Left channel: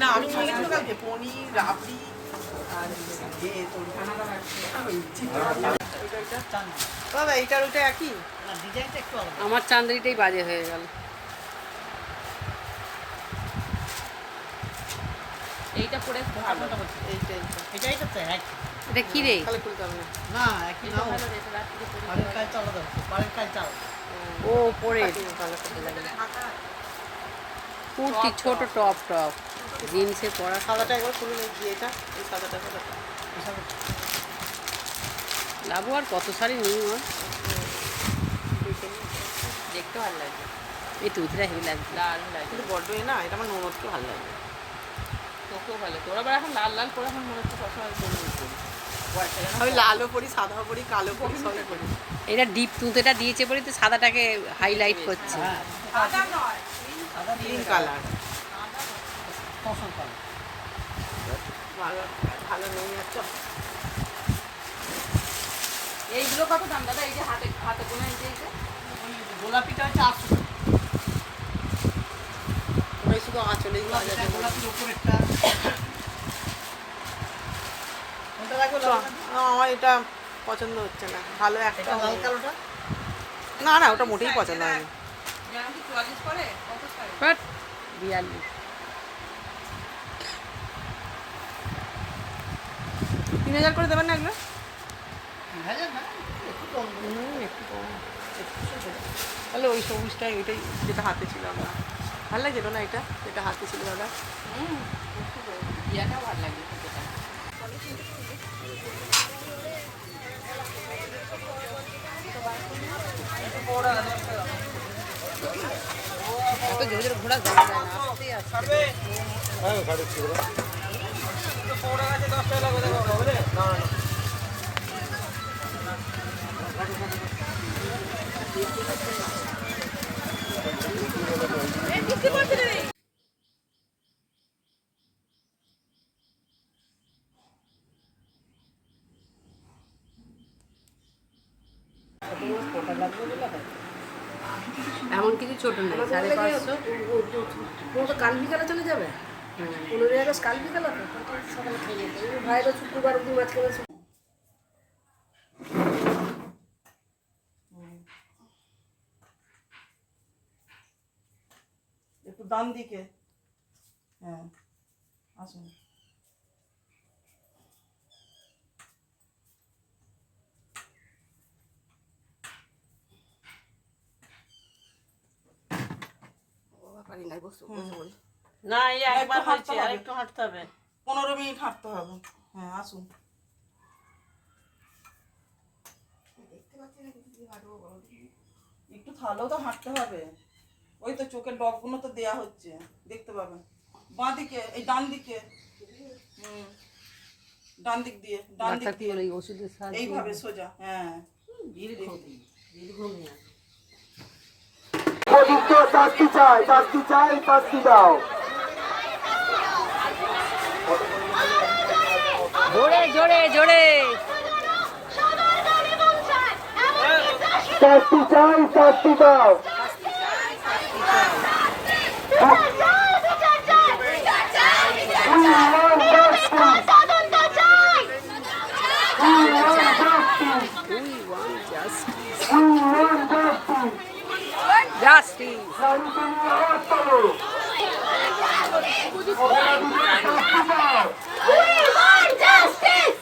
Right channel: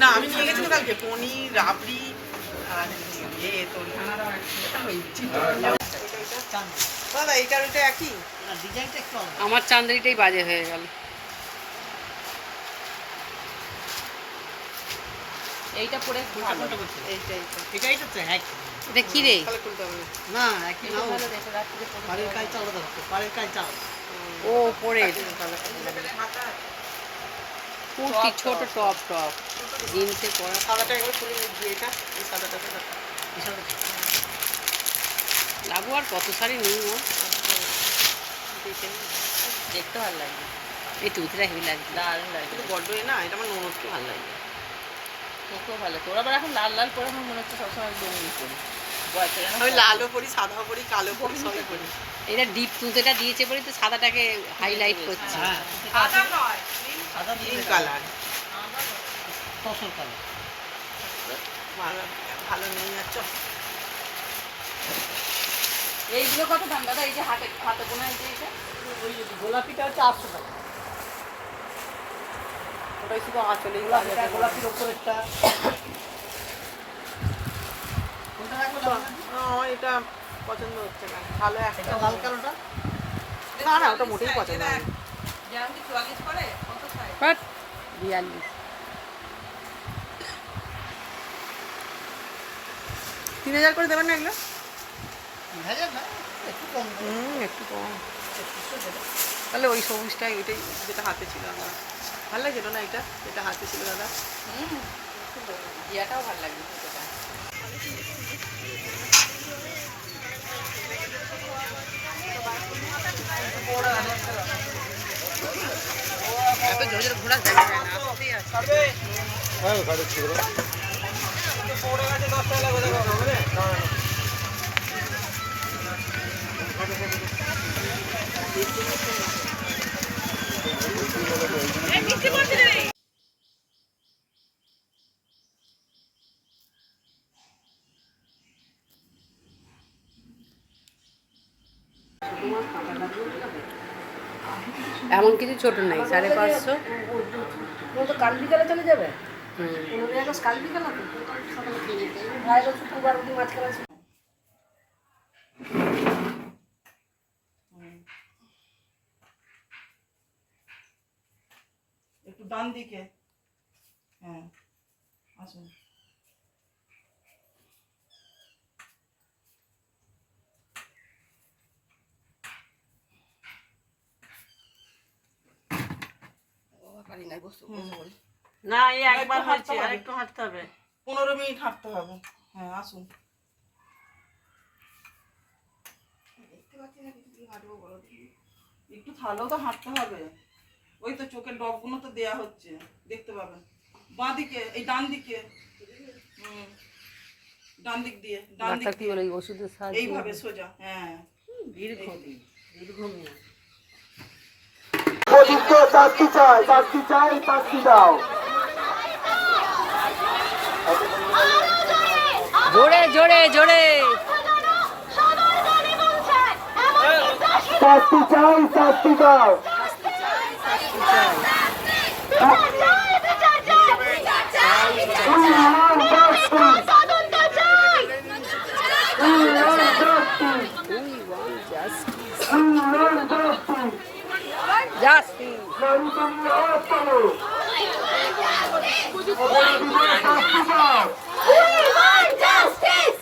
না আমি নিয়ে গেছিলাম কালকে পনির রাবড়ি আর এইটার ওইটা একই ডিজাইনটা একটু আমার চান্দ্রিটাই বাজে হয়ে গেল। এইটা পরে ভালো এইটা এটা কি রে? না একই পাড়ের কাজটা আলাদা পাড়ের কাজটা ও পরে কুর্তি ছোট টপ টপ জিন্সে পরা। সাদাটা একবার খুলে নিচ্ছি এটা এই সাদাটাকে লাবু আর কত শাড়ি নেই ও দেখতে ভালো লাগে। এই তুইটা হেভি লাগছে। দারুণ লাগে কিন্তু বড্ড না এটা আমার মোটকে ভালো লাগে। মোটকেও ভালো তোরা আবার এখন লাল লাল করে আমার মনে হচ্ছে সবসময় বমি করি। আমি লালও করি সাদাও করি কালো করি সবই করি। এটা ডিপ তুঁতেটা দিয়েছে বলে তো সাদাটাকে হাইলাইট করছে। হ্যাঁ সাদা নয় সাদা পিঙ্ক কালার ফসল কালার ভালো নেই আছো। এইগুলো কত দাম দাদা? এই যে হাতে হাতে বোনা এই যে এটা গোলাপিটা হচ্ছে 800 টাকা। ওটাই শুধু আঁচলে গোলাপির ওপরেরটা না এটা পছন্দ হচ্ছে না। ভালো একটা লাল কালোটা না না ওটা মোটেই পছন্দ হয়নি। 42 3000 করে দেবেন না এগুলো? 3000 না একটু কম। তাহলে ওই সবুজটা এটাই যেটা হাতে ছিল না ভালো লাগছিল না এটা যেটা হাতে ছিল দাদা। ইয়াটাও ভালো লাগে। এত জোরে জোরে ঘোরা যায় না, আসতেই আসতে। হ্যাঁ গাড়ি ছিল পৌড়া গাছে 10 টাকা করে দেবো বুঝলে না না এমন কিছু ছোট নাই 550। তো কাল বিকালে চলে যাবে 15 আগস্ট কাল বিকালে ভাইয়ের শুক্রবার অব্দি মাঝখানে একটু ডান দিকে হ্যাঁ আসুন। না এই একবার হচ্ছে আর একটু হাঁটতে হবে। 15 মিনিট হাঁটতে হবে। হ্যাঁ আসুন। দেখতে পাচ্ছি না কি হাঁটবো বলো একটু ভালো তো হাঁটতে হবে। ওই তো চোখের ডবগুলো তো দেয়া হচ্ছে দেখতে পাবেন। বাঁ দিকে এই ডান দিকে ডান দিক দিয়ে ডান দিক কি বলে ওষুধের সাহায্যে এইভাবে সোজা হ্যাঁ দীর্ঘমিয়া ওদিকে চাকরি চাই চাকরি দাও জোরে জোরে জোরে চাকরি দাও Justice.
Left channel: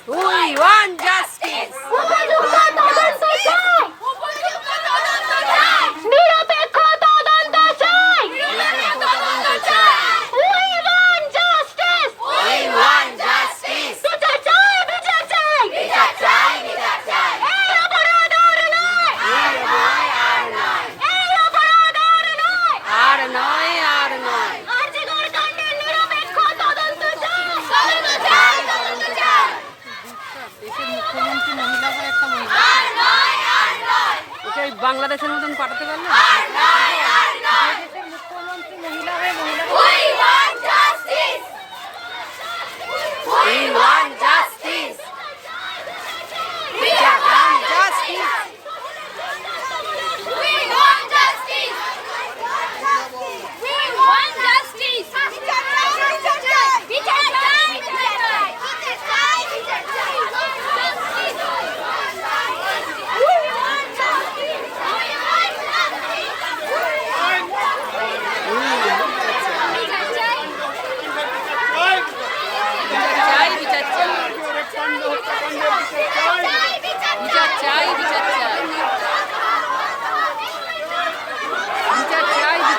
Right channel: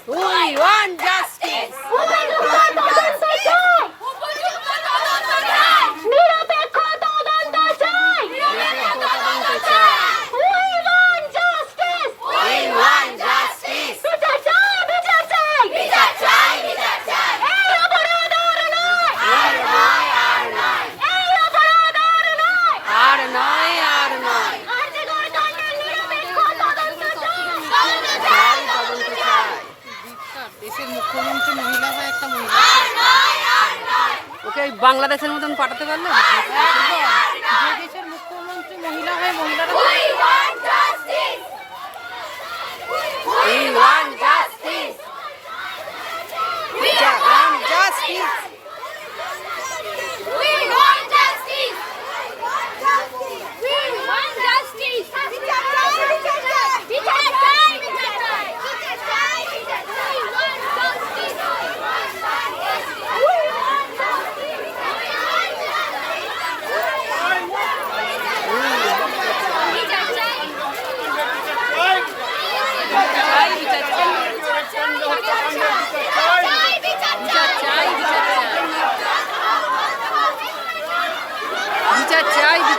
We want justice. মুখ্যমন্ত্রী মহিলা হয় একটা মহিলা ওকে বাংলাদেশের মতন পাঠাতে পারলো দেশের মুখ্যমন্ত্রী মহিলা হয় মহিলা We want justice.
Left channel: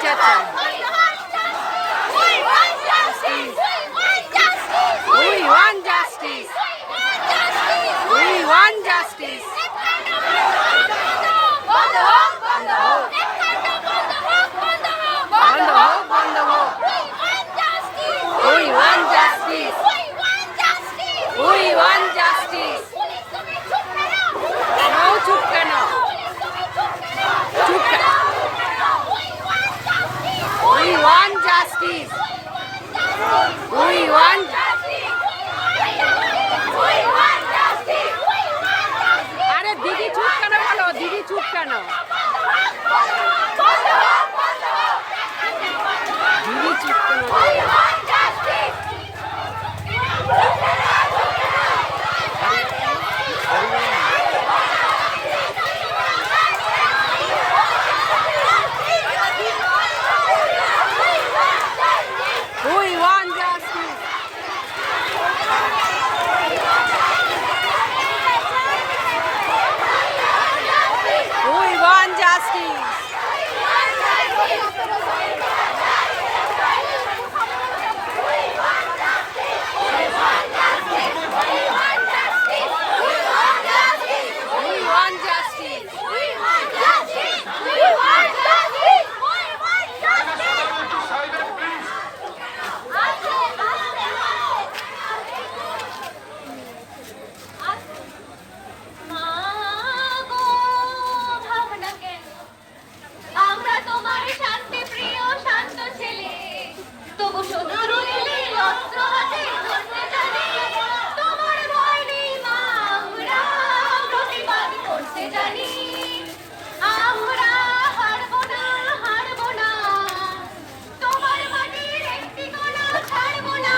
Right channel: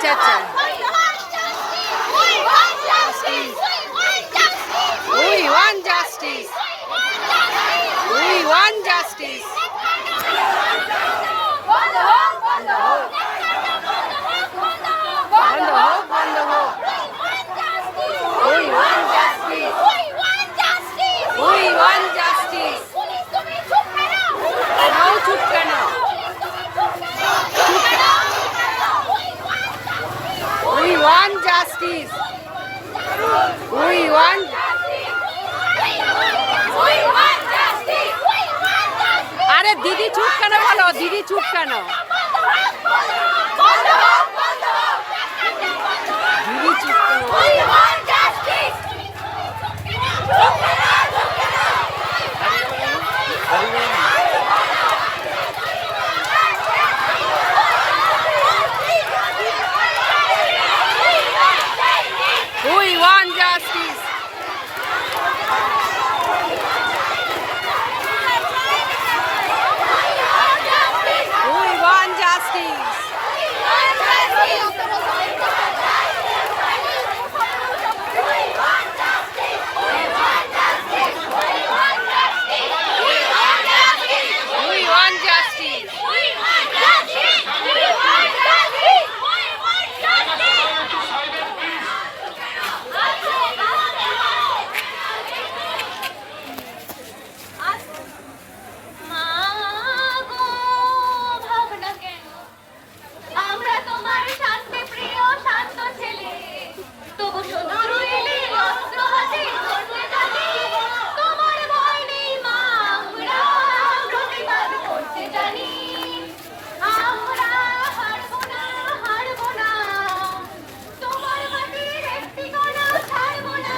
আচ্ছা আচ্ছা we want justice we want justice বন্ধ হোক বন্ধ হোক we want justice we want justice no চুপ কেন চুপ কেন we want justice we want আরে দিদি চুপ কেন বলো দিদি চুপ কেন দিদি চুপ কেন We want justice. We want justice. We want justice. আমরা তোমার শান্তি প্রিয় শান্ত ছেলে তবু শত্রু এলে অস্ত্র হাতে করতে জানি তোমার ভয় নেই মা আমরা প্রতিবাদ করতে জানি আমরা হারবো না তোমার মাটির একটি কণা ছাড়বো না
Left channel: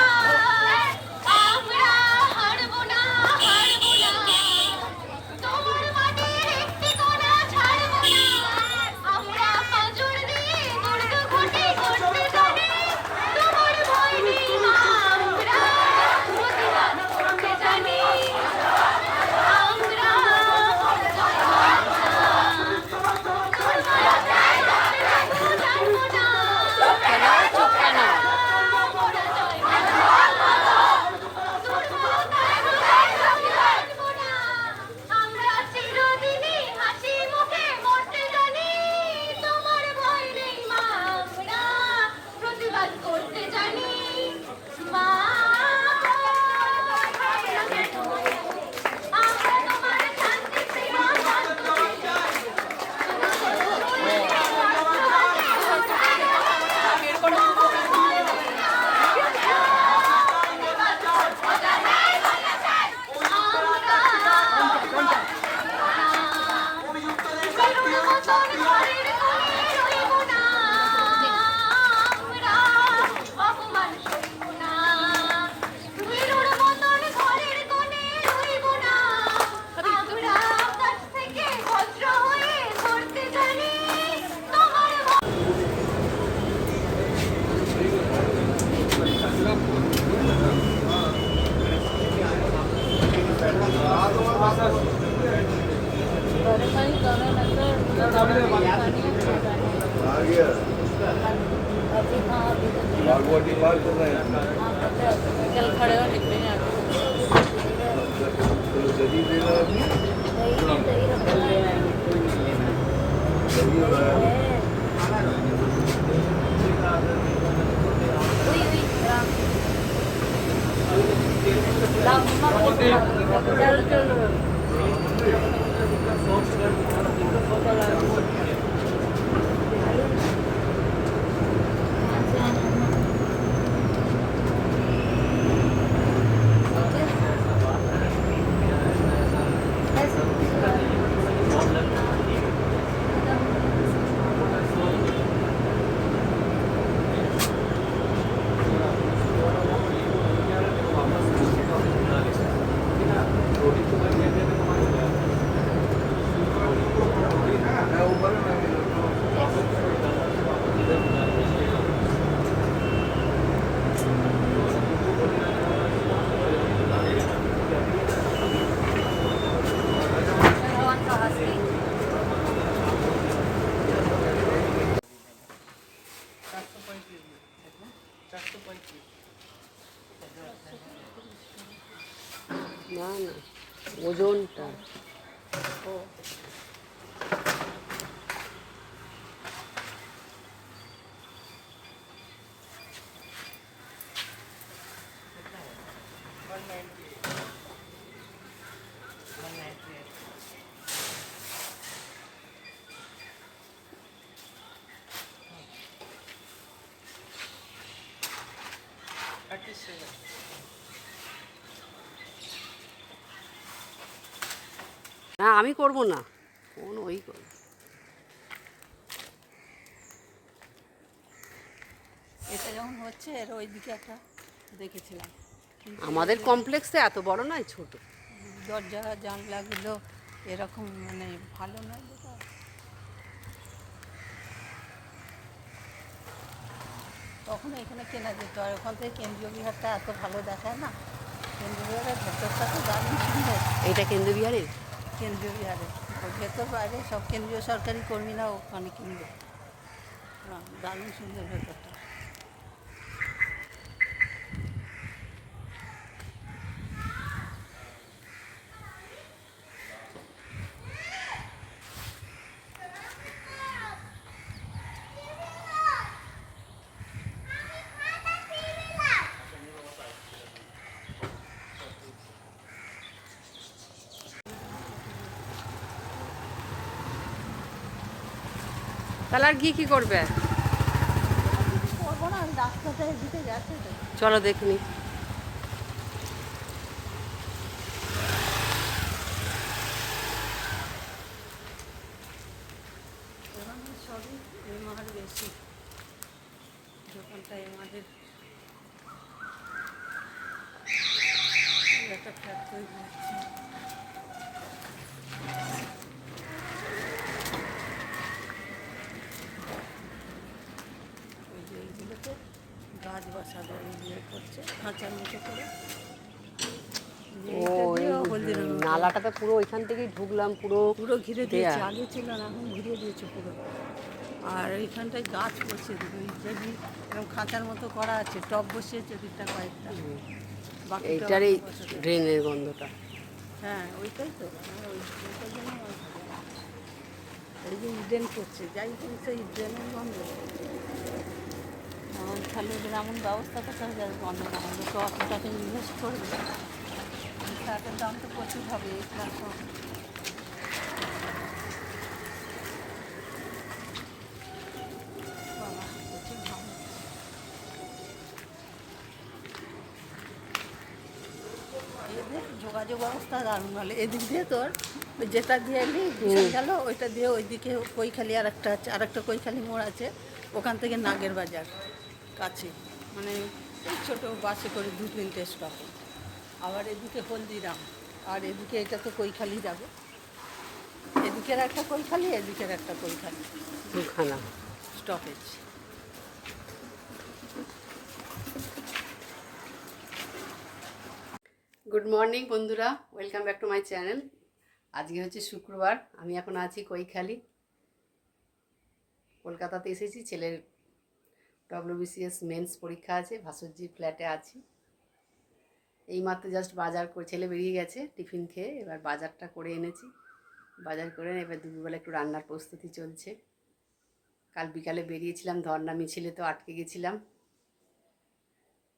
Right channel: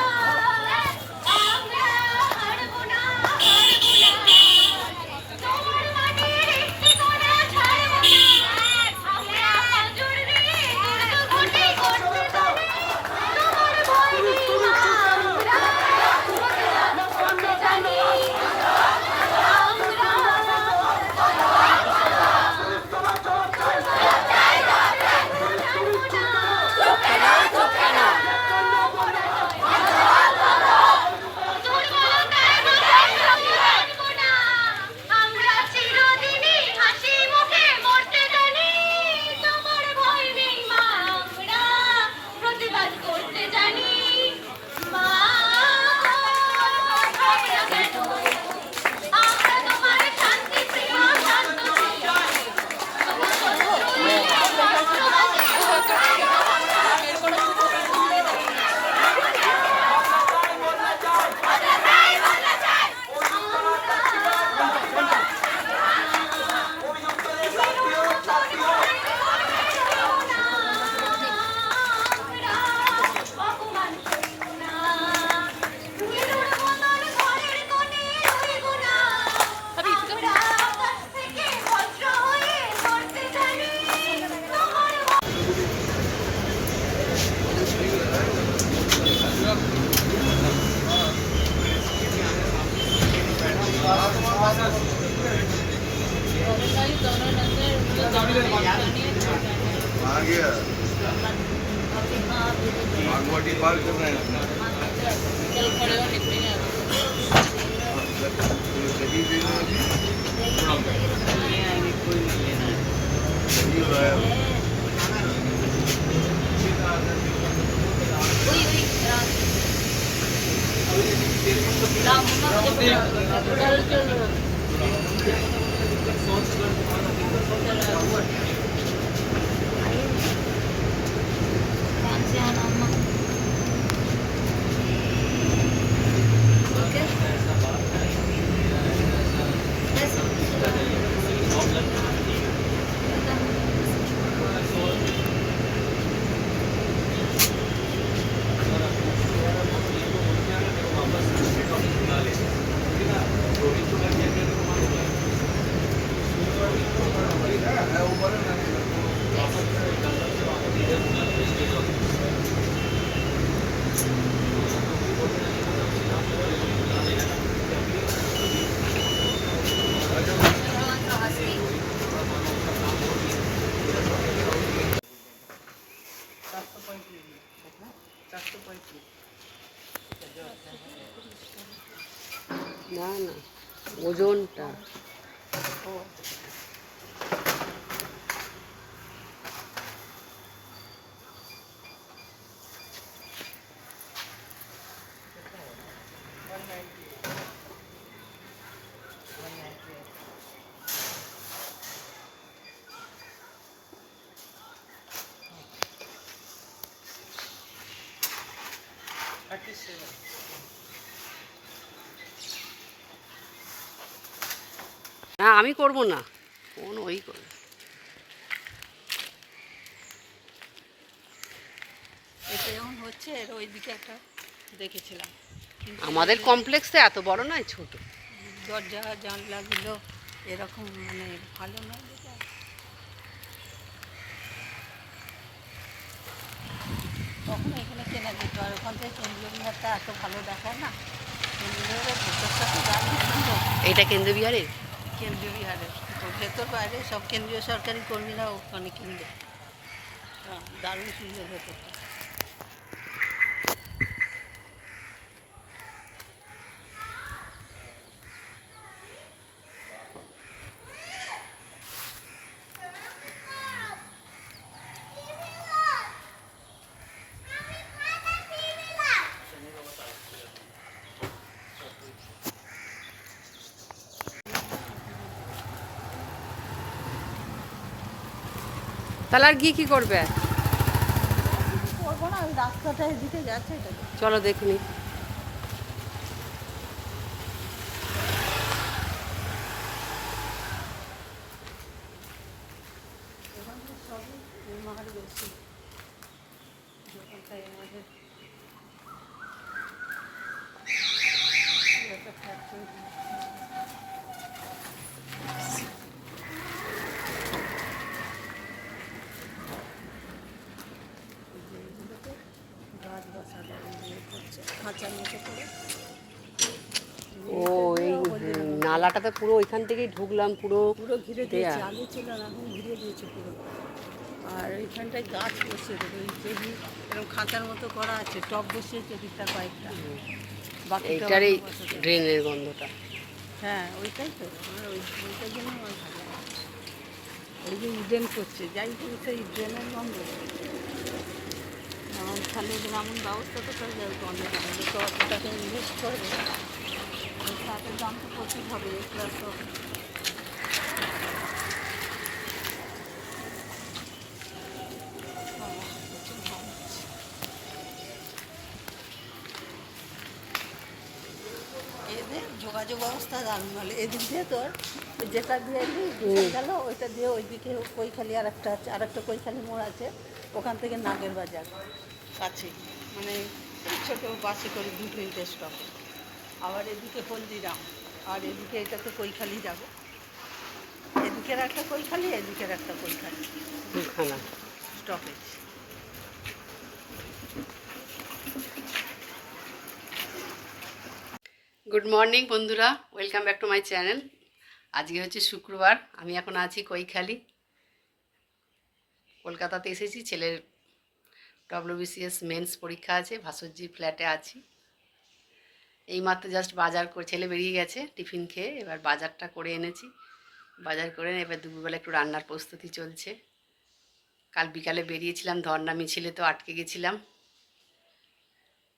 আমরা হারবো না তোমার মাটির একটি কণা ছাড়বো না আমরা জোর দিয়ে দুর্গ ঘটে করতে জানি তোমার ভয় নেই মা আমরা প্রতিবাদ করতে জানি আমরা চুপ কেন আমরা চিরদিনই হাসি মুখে মরতে জানি তোমার ভয় নেই মা আমরা প্রতিবাদ করতে জানি মা আমরা তোমার শান্তি প্রিয় শান্ত आ गया बागवाटी पार कर रहे हैं चल खड़े हो निकले तो दही देना अभी दही है ওজনটা না, আমি করব না, কোন ওই করবে। এটা যেমন হচ্ছে এর ওইদিকে একটা দেখেছিলাম, কিন্তু আমাদের কমপ্লেক্সে এত বড় নয়, ছোট। দরজা জানলাগুলো এরকম মানে ভালো নয় দেখে। তখন এখানে কেনা যেত, আর ওখান থেকে কেন্দ্রীয় বিহারটা এত ভালো দেখায় না। কেন্দ্রীয় বিহারের ভেতরটা তো দারুণ সুন্দর। এইটা কেন্দ্র বিহারে। কেন্দ্রীয় বিহারের ভেতর বাইরে সব কেন্দ্রীয় সরকারি কর্মীরা ওখানে কিনবে। দারুণ সুন্দর ভেতরটা। তাহলে আর কি করবে? করবো না, ওই রাস্তাটা এদিকে যাচ্ছে তো। চলো দেখিনি। এখানে সবই এমআর বেশি, দোকানটা এমআরের একটা ফ্যাক্টরি। গাছ বসানো ইয়ে করছে খাঁচার মতো করে। ও এই নালাটাতে পুরো ওইখান থেকেই ঢুকলাম, পুরো পুরো ঘিরে দেয়া। দিয়েছে, আগে ছিল না, এখন ঘিরে দিয়েছে পুরো। আর এইখানটায় গাছ বসিয়ে দেবে, যেদিন এরকম খাঁচার মতো করা আছে, টব বসিয়েছে দিকটা কয়েকটা। বাকি এইটার এই ড্রেনের গন্ধটা। হ্যাঁ ওইটাই তো, ওইটার জন্য এই যে ইডেন করছে, যাই হোক সেই ড্রেনের গন্ধ। তাহলে ওদের এমন ব্যবস্থা করতে হবে যেন গন্ধ কেউ অতটাকে ইনভেস্ট করবে, তাদের দাম তো প্রচুর হবে। এদের যোগাযোগ ব্যবস্থা দারুণ ভালো। এদিক দিয়ে তোর ওই যেটা দিয়ে এলি গেল, ওইটা দিয়ে ওইদিকে কৈখালি আর একটা আছে, আর একটা কৈখালি মোড় আছে, ওখান থেকে নাগের বাজার কাছে, মানে এই ছোটো বাসে করে 2 স্টপ। আবার এদিকে হলদিরাম, আর এদিকে এটা তো কৈখালি যাবে, এদিকের একটা কৈখালি, এদিকের একটা কৈখালি, দুখানা স্টপেজ। গুড মর্নিং বন্ধুরা, welcome back to my channel. আজকে হচ্ছে শুক্রবার, আমি এখন আছি কৈখালি, কলকাতাতে এসেছি। ছেলের WBCS মেন্স পরীক্ষা আছে, ভাস্বর্জি ফ্ল্যাটে আছি। এইমাত্র জাস্ট বাজার করে ছেলে বেরিয়ে গেছে টিফিন খেয়ে, এবার বাজারটা করে এনেছি। বাজার করে এবার দুপুরবেলা একটু রান্নার প্রস্তুতি চলছে। কাল বিকালে বেরিয়েছিলাম, ধর্না মিছিলে তো আটকে গেছিলাম,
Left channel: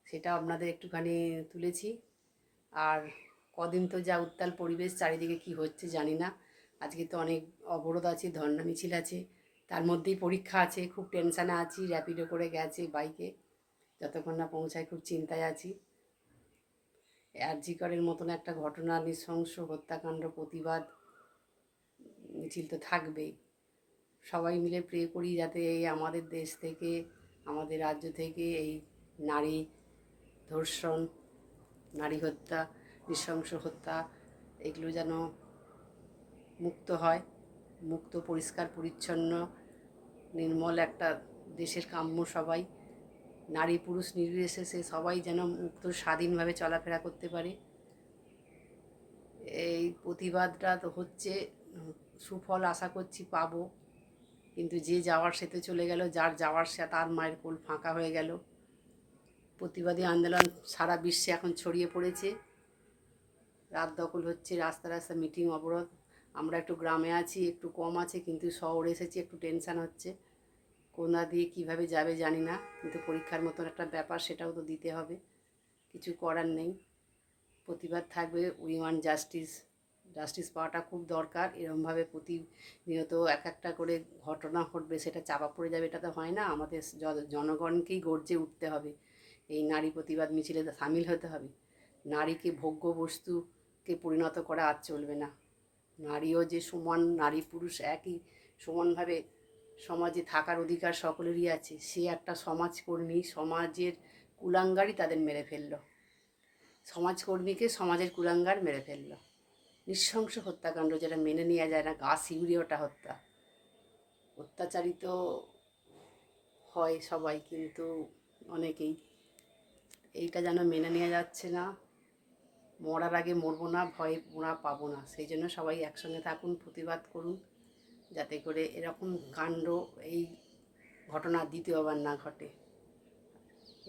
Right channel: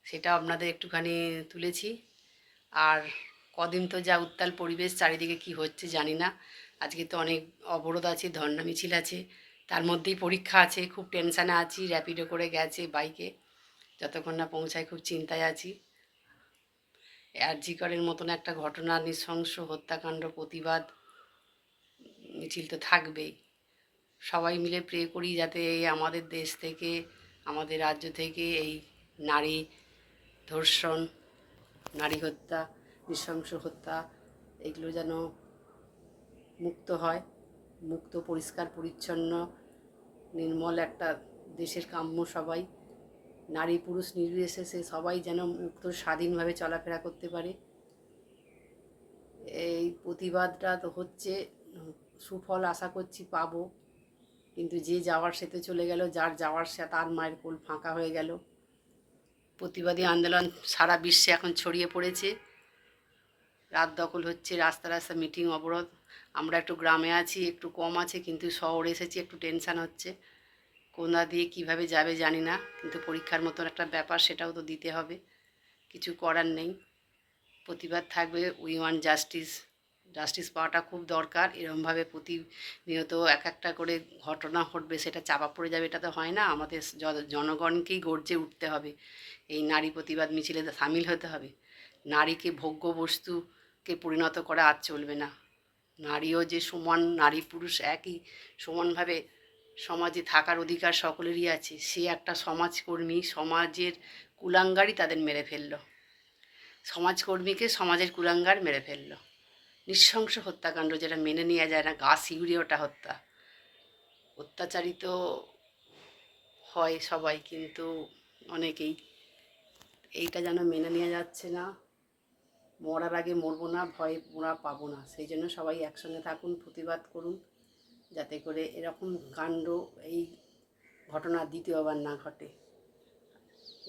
সেটাও আপনাদের একটুখানি তুলেছি। আর কদিন তো যা উত্তাল পরিবেশ, চারিদিকে কি হচ্ছে জানি না। আজকে তো অনেক অবরোধ আছে, ধর্না মিছিল আছে, তার মধ্যেই পরীক্ষা আছে। খুব টেনশানে আছি, র্যাপিডো করে গেছে বাইকে, যতক্ষণ না পৌঁছায় খুব চিন্তায় আছি। আরজিকরের মতন একটা ঘটনা, নৃশংস হত্যাকাণ্ড প্রতিবাদ মিছিল তো থাকবেই। সবাই মিলে প্রে করি যাতে এই আমাদের দেশ থেকে, আমাদের রাজ্য থেকে এই নারী ধর্ষণ, নারী হত্যা, নৃশংস হত্যা, এগুলো যেন মুক্ত হয়। মুক্ত, পরিষ্কার পরিচ্ছন্ন, নির্মল একটা দেশের কাম্য সবাই। নারী পুরুষ নির্বিশেষে সবাই যেন মুক্ত স্বাধীনভাবে চলাফেরা করতে পারে। এই প্রতিবাদটা তো হচ্ছে, সুফল আশা করছি পাবো। কিন্তু যে যাওয়ার সে তো চলে গেল, যার যাওয়ার সে তার মায়ের কোল ফাঁকা হয়ে গেল। প্রতিবাদী আন্দোলন সারা বিশ্বে এখন ছড়িয়ে পড়েছে। রাত দখল হচ্ছে, রাস্তা রাস্তা মিটিং অবরোধ। আমরা একটু গ্রামে আছি, একটু কম আছে, কিন্তু শহরে এসেছি, একটু টেনশান হচ্ছে। কোনা দিয়ে কিভাবে যাবে জানি না, কিন্তু পরীক্ষার মতন একটা ব্যাপার, সেটাও তো দিতে হবে, কিছু করার নেই। প্রতিবাদ থাকবে, উই ওয়ান্ট জাস্টিস। জাস্টিস পাওয়াটা খুব দরকার। এরকমভাবে প্রতিনিয়ত এক একটা করে ঘটনা ঘটবে, সেটা চাপা পড়ে যাবে, এটা তো হয় না। আমাদের জনগণকেই গর্জে উঠতে হবে, এই নারী প্রতিবাদ মিছিলে সামিল হতে হবে। নারীকে ভোগ্য বস্তুকে পরিণত করা আর চলবে না। নারীও যে সমান, নারী পুরুষ একই সমানভাবে সমাজে থাকার অধিকার সকলেরই আছে। সে একটা সমাজকর্মী, সমাজের কুলাঙ্গারই তাদের মেরে ফেললো। সমাজকর্মীকে সমাজের কুলাঙ্গার মেরে ফেললো। নৃশংস হত্যাকাণ্ড, যেটা মেনে নেওয়া যায় না। গা শিউরে ওটা হত্যা। অত্যাচারিত হয় সবাই, কিন্তু অনেকেই। এইটা যেন মেনে নেওয়া যাচ্ছে না। মরার আগে মরবো না, ভয়ে মোরা পাবো না। সেই জন্য সবাই একসঙ্গে থাকুন, প্রতিবাদ করুন, যাতে করে এরকম কাণ্ড, এই ঘটনা দ্বিতীয়বার না ঘটে।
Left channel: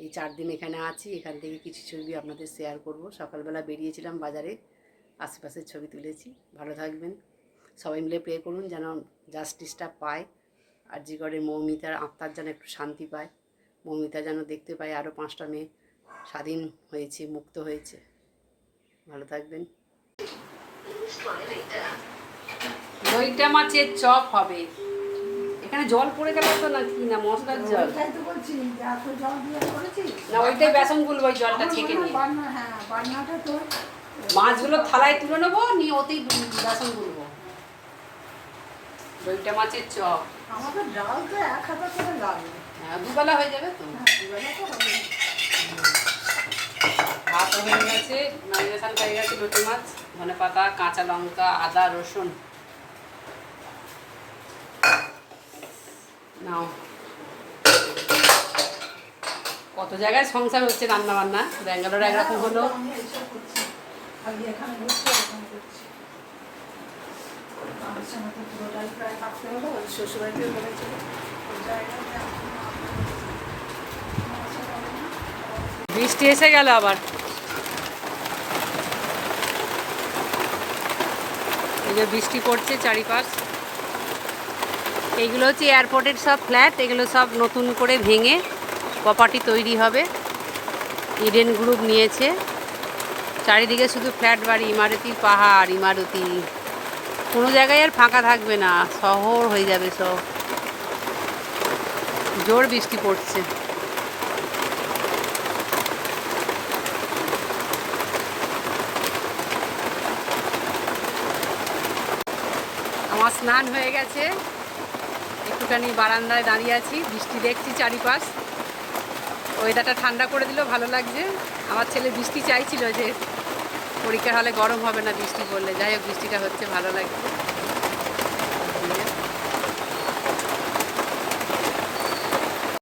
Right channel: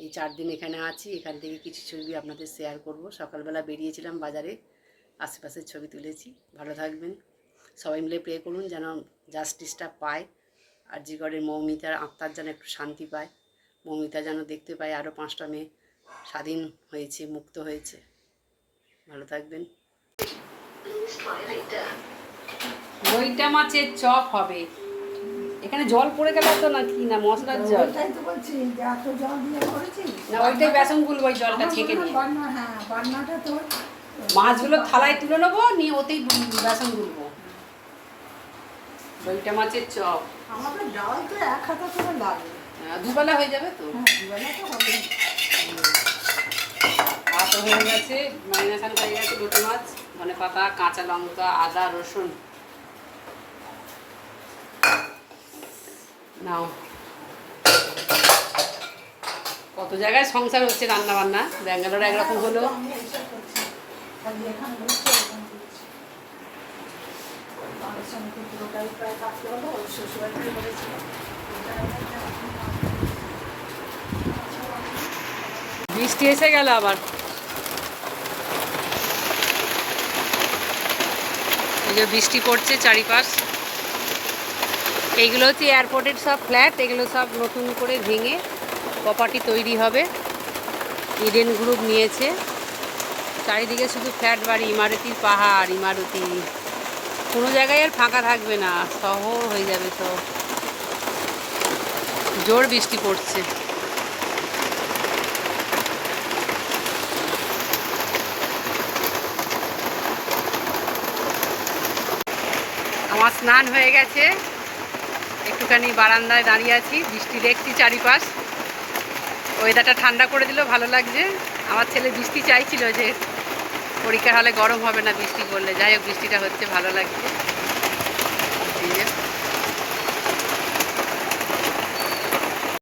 এই 4 দিন এখানে আছি, এখান থেকে কিছু ছবি আপনাদের শেয়ার করব। সকালবেলা বেরিয়েছিলাম বাজারে, আশেপাশের ছবি তুলেছি। ভালো থাকবেন, সবাই মিলে প্রে করুন যেন জাস্টিসটা পায়। আর জি করে মৌমিতার আত্মার যেন একটু শান্তি পায়। মৌমিতা যেন দেখতে পায় আরও 5টা মেয়ে স্বাধীন হয়েছে, মুক্ত হয়েছে। ভালো থাকবেন। দইটা মাছের চপ হবে। এখানে জল পড়ে গেল তো, না কি না মশলার জল? না, ওইটাই বেসন গুলবো, ওই জলটা ছেঁকে নিয়ে মাছগুলো থালায় তুলে নেবো, নিয়ে ওতেই বেসন গুলবো। দইটা মাছের চপ আমাদের ডালটা 1 হাতা করে লাগবে। দুবেলা হয়ে যাবে তো। ভাত হয়ে গেছে, ম্যারিনেশন হয়ে গেছে। লোটে মাছ, ধনেপাতা, কাঁচা লঙ্কা, আদা, রসুন নাও। কত জায়গায় সংসার হচ্ছে, রান্না বান্না। ব্যাঙ্গালোরে একরকম হলো, বৃষ্টি এসে গেল আবার। এই যে বৃষ্টি পড়ছে চারিপাশ। এইগুলো হচ্ছে এয়ারপোর্টের সব ফ্ল্যাট, এগুলো সব নতুন করে ভেঙে প্রপার্টি তৈরি হবে। ইডেন গ্রুপ নিয়েছে। চারিদিকে শুধু ফ্ল্যাট বাড়ি, ইমারতি পাহাড়, ইমারতি। কোনো জায়গায় আর ফাঁকা থাকবে না, শহর হয়ে যাবে সব। জোর বৃষ্টি পড়ছে। আমার স্নান হয়ে গেছে, একটুখানি বারান্দায় দাঁড়িয়ে আছি, বৃষ্টি দেখছি চারিপাশ। ওয়েদারটা ঠান্ডা করে দিল, ভালো লাগছে। আমার ছেলে বৃষ্টি চাইছিল, যে পরীক্ষা হলে গরম হবে না বৃষ্টি পড়লে। যাই হোক, বৃষ্টিটা হচ্ছে, ভালো লাগছে।